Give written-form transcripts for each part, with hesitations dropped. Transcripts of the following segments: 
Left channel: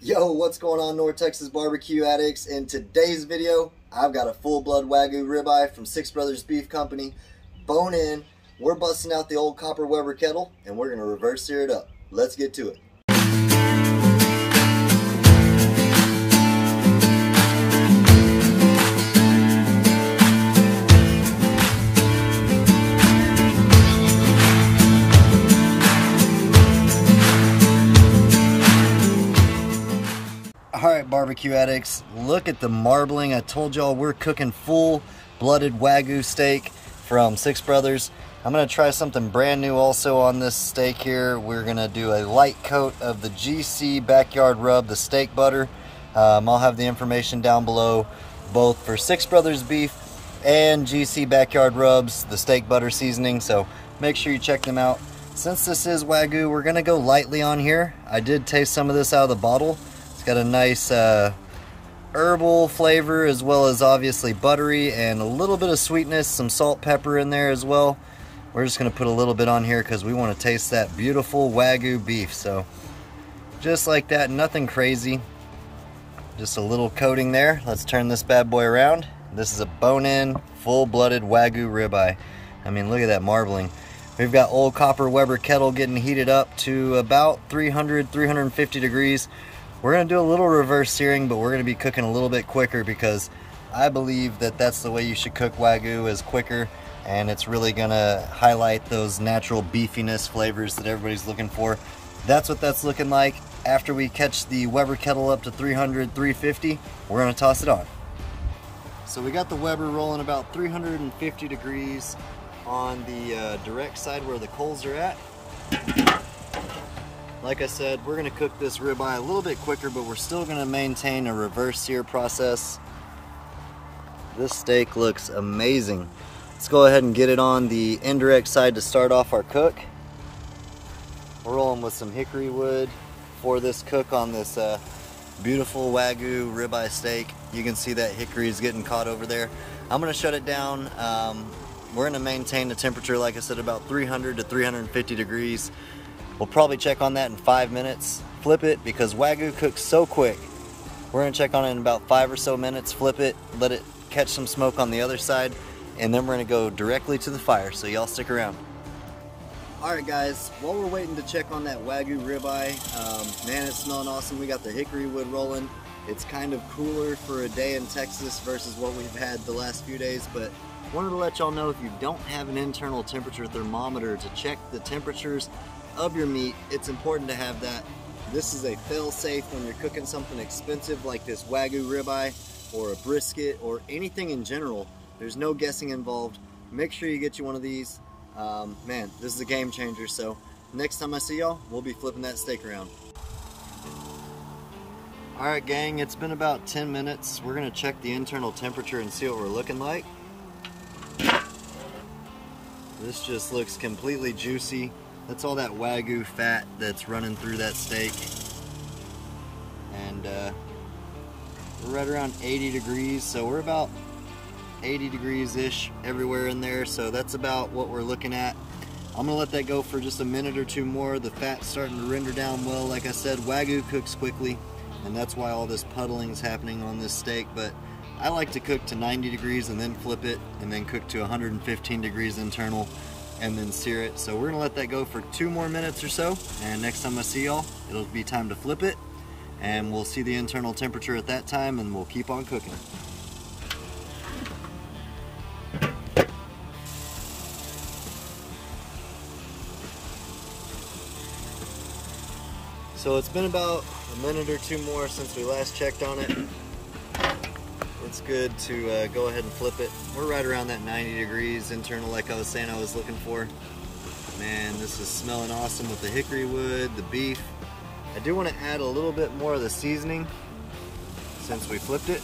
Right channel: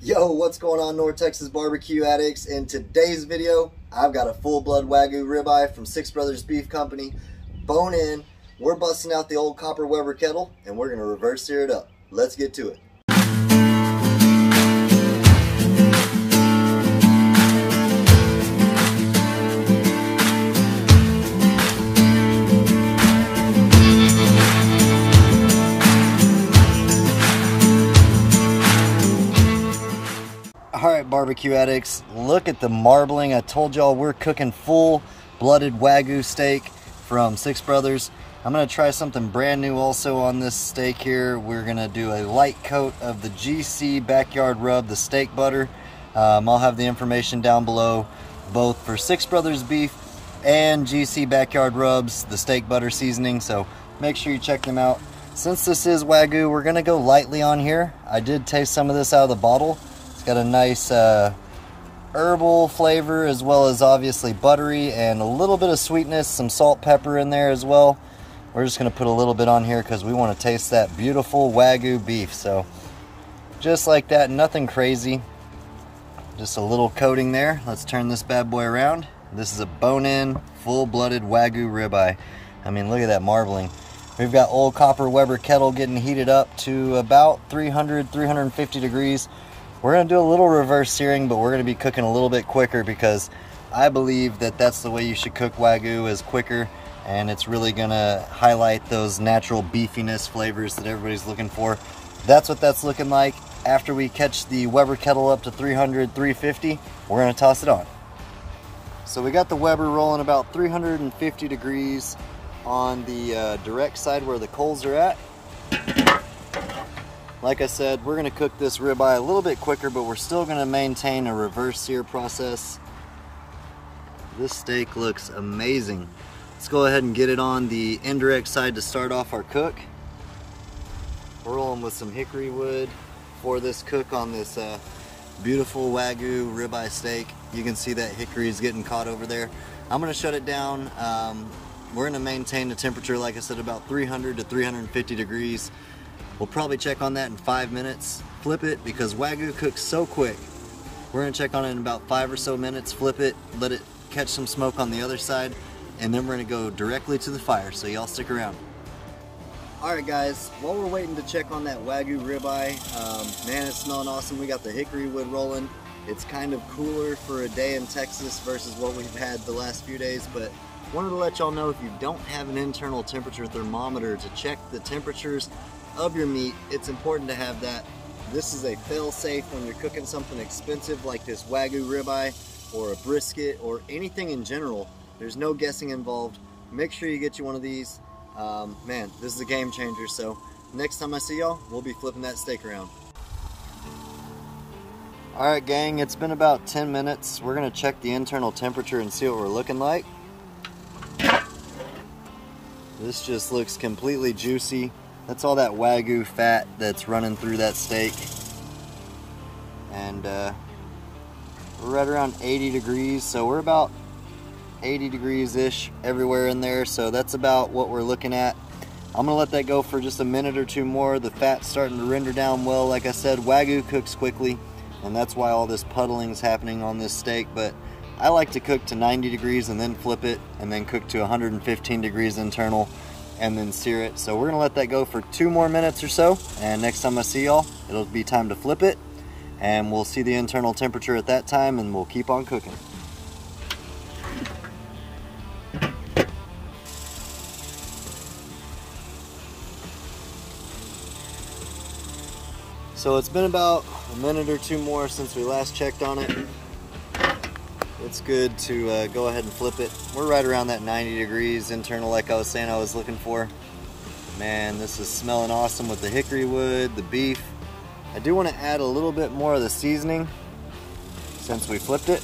Yo, what's going on, North Texas barbecue addicts? In today's video, I've got a full-blood wagyu ribeye from Six Brothers Beef Company, bone in. We're busting out the old copper Weber kettle, and we're gonna reverse sear it up. Let's get to it. Alright, barbecue addicts, look at the marbling. I told y'all we're cooking full-blooded wagyu steak from Six Brothers. I'm going to try something brand new also on this steak here. We're going to do a light coat of the GC Backyard Rub, the steak butter. I'll have the information down below, both for Six Brothers Beef and GC Backyard Rubs, the steak butter seasoning, so make sure you check them out. Since this is wagyu, we're going to go lightly on here. I did taste some of this out of the bottle. It's got a nice herbal flavor, as well as obviously buttery and a little bit of sweetness, some salt, pepper in there as well. We're just going to put a little bit on here because we want to taste that beautiful wagyu beef. So just like that, nothing crazy, just a little coating there. Let's turn this bad boy around. This is a bone-in, full-blooded wagyu ribeye. I mean, look at that marbling. We've got old copper Weber kettle getting heated up to about 300, 350 degrees. We're going to do a little reverse searing, but we're going to be cooking a little bit quicker because I believe that that's the way you should cook wagyu, is quicker, and it's really going to highlight those natural beefiness flavors that everybody's looking for. That's what that's looking like. After we catch the Weber kettle up to 300, 350, we're going to toss it on. So we got the Weber rolling about 350 degrees on the direct side where the coals are at. Like I said, we're going to cook this ribeye a little bit quicker, but we're still going to maintain a reverse sear process. This steak looks amazing. Let's go ahead and get it on the indirect side to start off our cook. We're rolling with some hickory wood for this cook on this beautiful wagyu ribeye steak. You can see that hickory is getting caught over there. I'm going to shut it down. We're going to maintain the temperature, like I said, about 300 to 350 degrees. We'll probably check on that in 5 minutes. Flip it, because wagyu cooks so quick. We're going to check on it in about 5 or so minutes, flip it, let it catch some smoke on the other side, and then we're going to go directly to the fire, so y'all stick around. Alright guys, while we're waiting to check on that wagyu ribeye, man, it's smelling awesome. We got the hickory wood rolling. It's kind of cooler for a day in Texas versus what we've had the last few days, but wanted to let y'all know, if you don't have an internal temperature thermometer to check the temperatures of your meat, it's important to have that. This is a fail-safe when you're cooking something expensive like this wagyu ribeye or a brisket or anything in general. There's no guessing involved. Make sure you get you one of these. Man, this is a game changer. So next time I see y'all, we'll be flipping that steak around. Alright gang, it's been about 10 minutes. We're going to check the internal temperature and see what we're looking like. This just looks completely juicy. That's all that wagyu fat that's running through that steak. And we're right around 80 degrees, so we're about 80 degrees-ish everywhere in there, so that's about what we're looking at. I'm going to let that go for just a minute or two more. The fat's starting to render down well. Like I said, wagyu cooks quickly, and that's why all this puddling is happening on this steak, but I like to cook to 90 degrees and then flip it, and then cook to 115 degrees internal, and then sear it. So we're gonna let that go for 2 more minutes or so, and next time I see y'all, it'll be time to flip it, and we'll see the internal temperature at that time, and we'll keep on cooking. So it's been about a minute or 2 more since we last checked on it. It's good to go ahead and flip it. We're right around that 90 degrees internal, like I was saying I was looking for. Man, this is smelling awesome with the hickory wood, the beef. I do want to add a little bit more of the seasoning since we flipped it.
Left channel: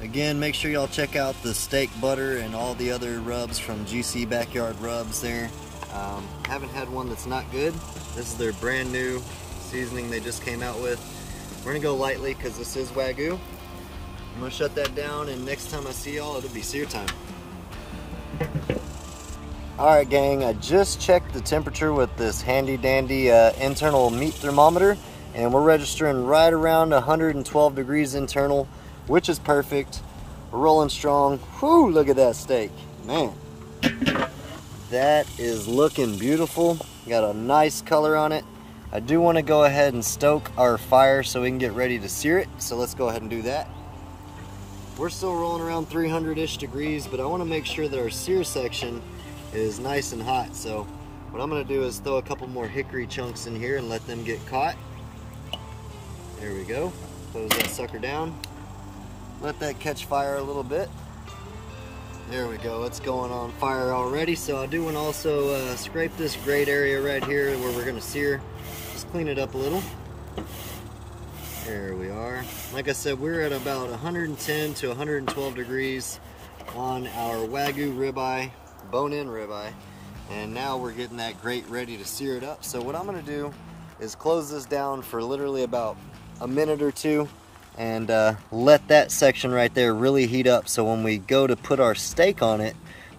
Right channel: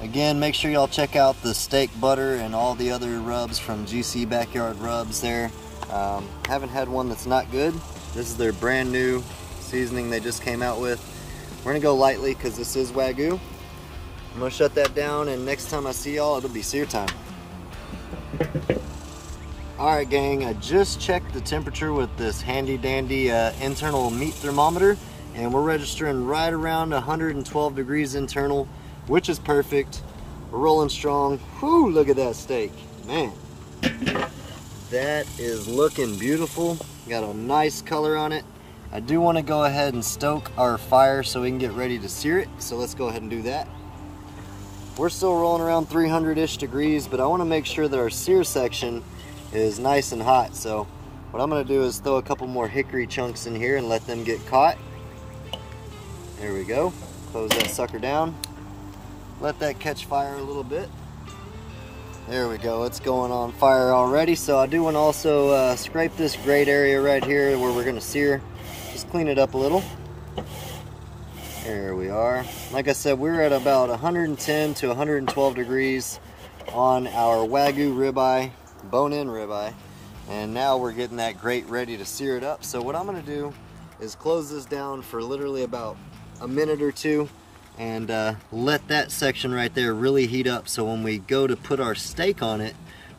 Again, make sure y'all check out the steak butter and all the other rubs from GC Backyard Rubs there. Haven't had one that's not good. This is their brand new seasoning they just came out with. We're gonna go lightly because this is wagyu. I'm gonna shut that down, and next time I see y'all, it'll be sear time. Alright gang, I just checked the temperature with this handy dandy internal meat thermometer, and we're registering right around 112 degrees internal, which is perfect. We're rolling strong. Whew, look at that steak. Man, that is looking beautiful. Got a nice color on it. I do want to go ahead and stoke our fire so we can get ready to sear it, so let's go ahead and do that. We're still rolling around 300-ish degrees, but I want to make sure that our sear section is nice and hot. So what I'm going to do is throw a couple more hickory chunks in here and let them get caught. There we go. Close that sucker down. Let that catch fire a little bit. There we go. It's going on fire already. So I do want to also scrape this grate area right here where we're going to sear. Just clean it up a little. There we are. Like I said, we're at about 110 to 112 degrees on our wagyu ribeye, bone-in ribeye, and now we're getting that grate ready to sear it up. So what I'm going to do is close this down for literally about a minute or two and let that section right there really heat up, so when we go to put our steak on it,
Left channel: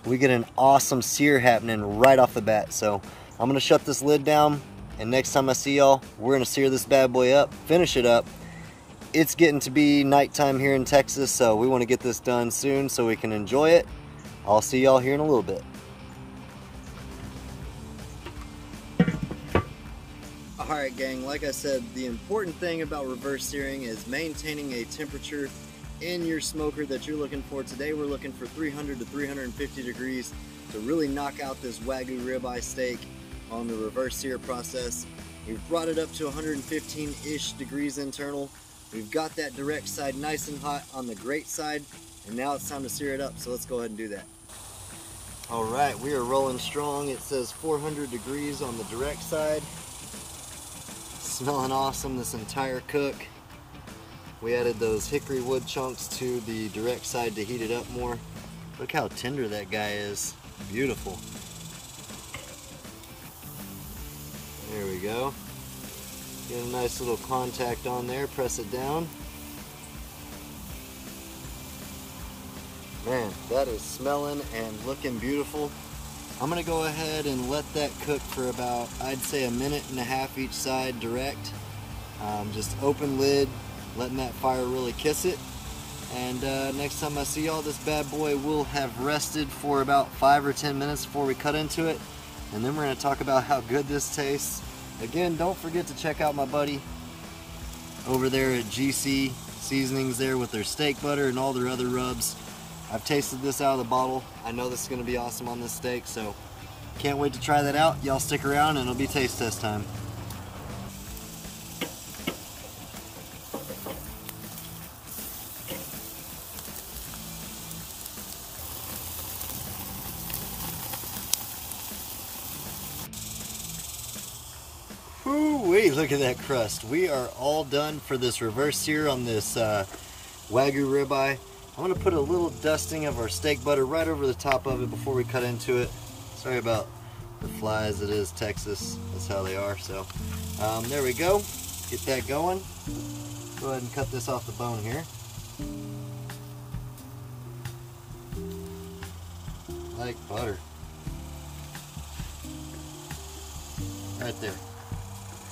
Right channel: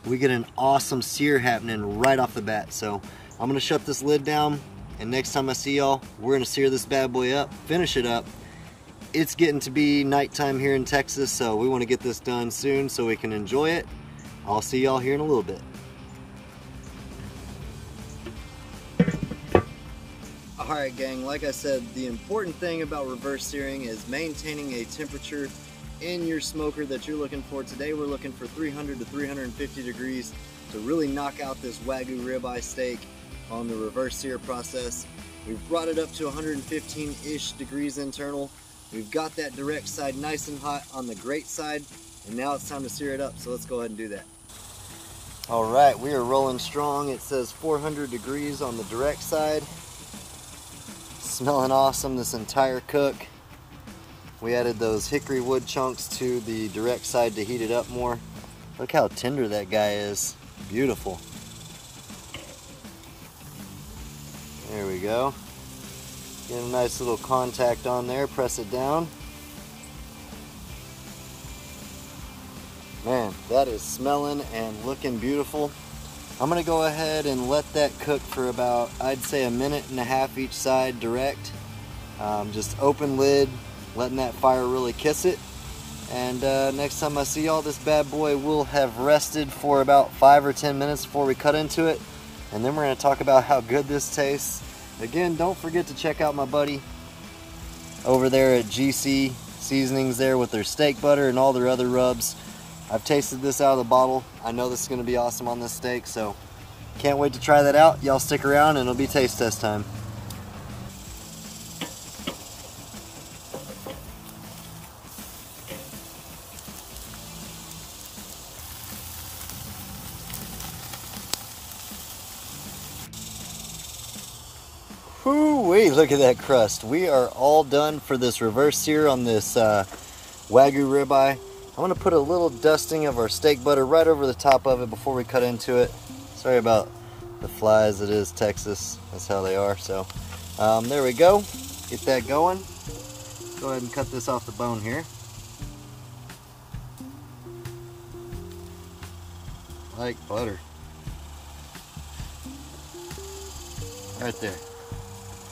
we get an awesome sear happening right off the bat. So I'm going to shut this lid down, and next time I see y'all, we're going to sear this bad boy up, finish it up. It's getting to be nighttime here in Texas, so we want to get this done soon so we can enjoy it. I'll see y'all here in a little bit. Alright gang, like I said, the important thing about reverse searing is maintaining a temperature in your smoker that you're looking for. Today we're looking for 300 to 350 degrees to really knock out this wagyu ribeye steak on the reverse sear process. We've brought it up to 115-ish degrees internal. We've got that direct side nice and hot on the grate side, and now it's time to sear it up, so let's go ahead and do that. Alright, we are rolling strong. It says 400 degrees on the direct side. Smelling awesome this entire cook. We added those hickory wood chunks to the direct side to heat it up more. Look how tender that guy is. Beautiful. There we go. Get a nice little contact on there, press it down. Man, that is smelling and looking beautiful. I'm gonna go ahead and let that cook for about, I'd say, a minute and a half each side direct. Just open lid, letting that fire really kiss it. And next time I see y'all, this bad boy will have rested for about 5 or 10 minutes before we cut into it. And then we're gonna talk about how good this tastes. Again, don't forget to check out my buddy over there at GC Seasonings there with their steak butter and all their other rubs. I've tasted this out of the bottle. I know this is going to be awesome on this steak, so can't wait to try that out. Y'all stick around and it'll be taste test time. Whoo-wee, look at that crust. We are all done for this reverse sear on this wagyu ribeye. I'm going to put a little dusting of our steak butter right over the top of it before we cut into it. Sorry about the flies, it is Texas, that's how they are. So there we go, get that going. Go ahead and cut this off the bone here. Like butter. Right there.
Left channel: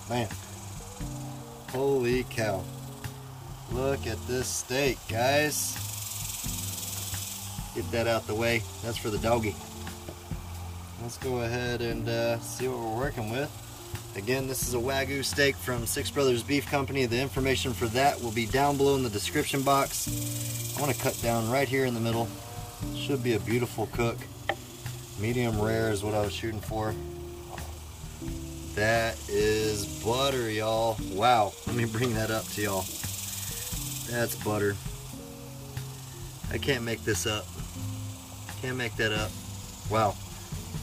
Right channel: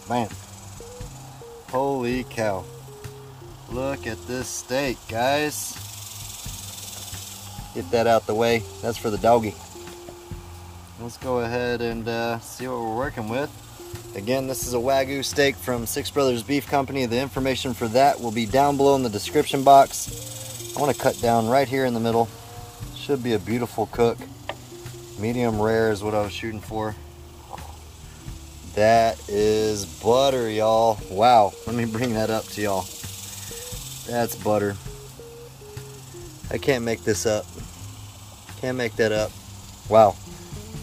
Man, holy cow. Look at this steak, guys. Get that out the way. That's for the doggy. Let's go ahead and see what we're working with. Again, this is a wagyu steak from Six Brothers Beef Company. The information for that will be down below in the description box. I want to cut down right here in the middle. Should be a beautiful cook. Medium rare is what I was shooting for. That is butter, y'all. Wow, let me bring that up to y'all. That's butter. I can't make this up. Can't make that up. Wow.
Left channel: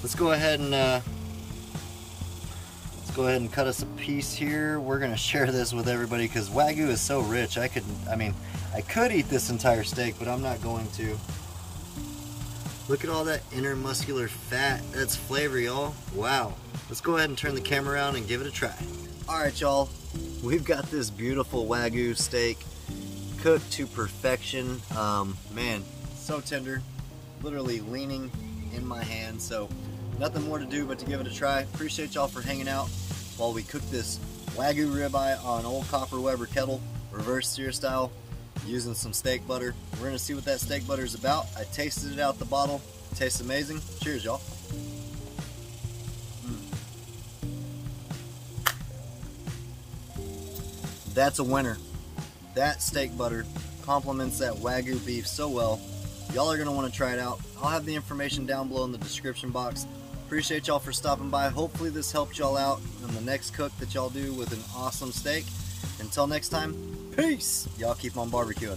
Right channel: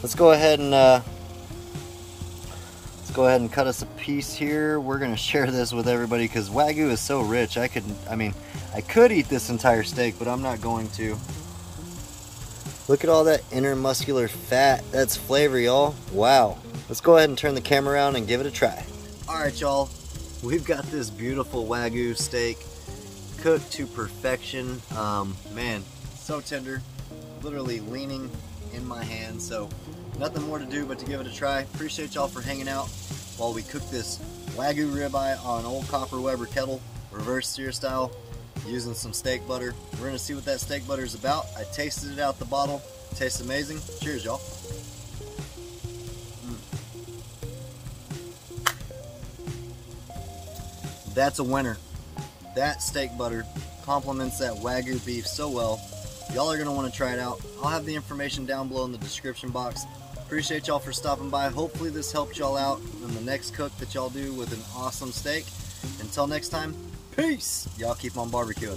Let's go ahead and cut us a piece here. We're gonna share this with everybody because wagyu is so rich. I could eat this entire steak, but I'm not going to. Look at all that intermuscular fat. That's flavor, y'all. Wow. Let's go ahead and turn the camera around and give it a try. All right, y'all. We've got this beautiful wagyu steak cooked to perfection. Man, so tender. Literally leaning in my hand. So nothing more to do but to give it a try. Appreciate y'all for hanging out while we cook this Wagyu ribeye on old copper Weber kettle, reverse sear style, using some steak butter. We're gonna see what that steak butter is about. I tasted it out the bottle. It tastes amazing. Cheers, y'all. That's a winner. That steak butter complements that Wagyu beef so well. Y'all are gonna wanna try it out. I'll have the information down below in the description box. Appreciate y'all for stopping by. Hopefully this helped y'all out in the next cook that y'all do with an awesome steak. Until next time, peace. Y'all keep on barbecuing.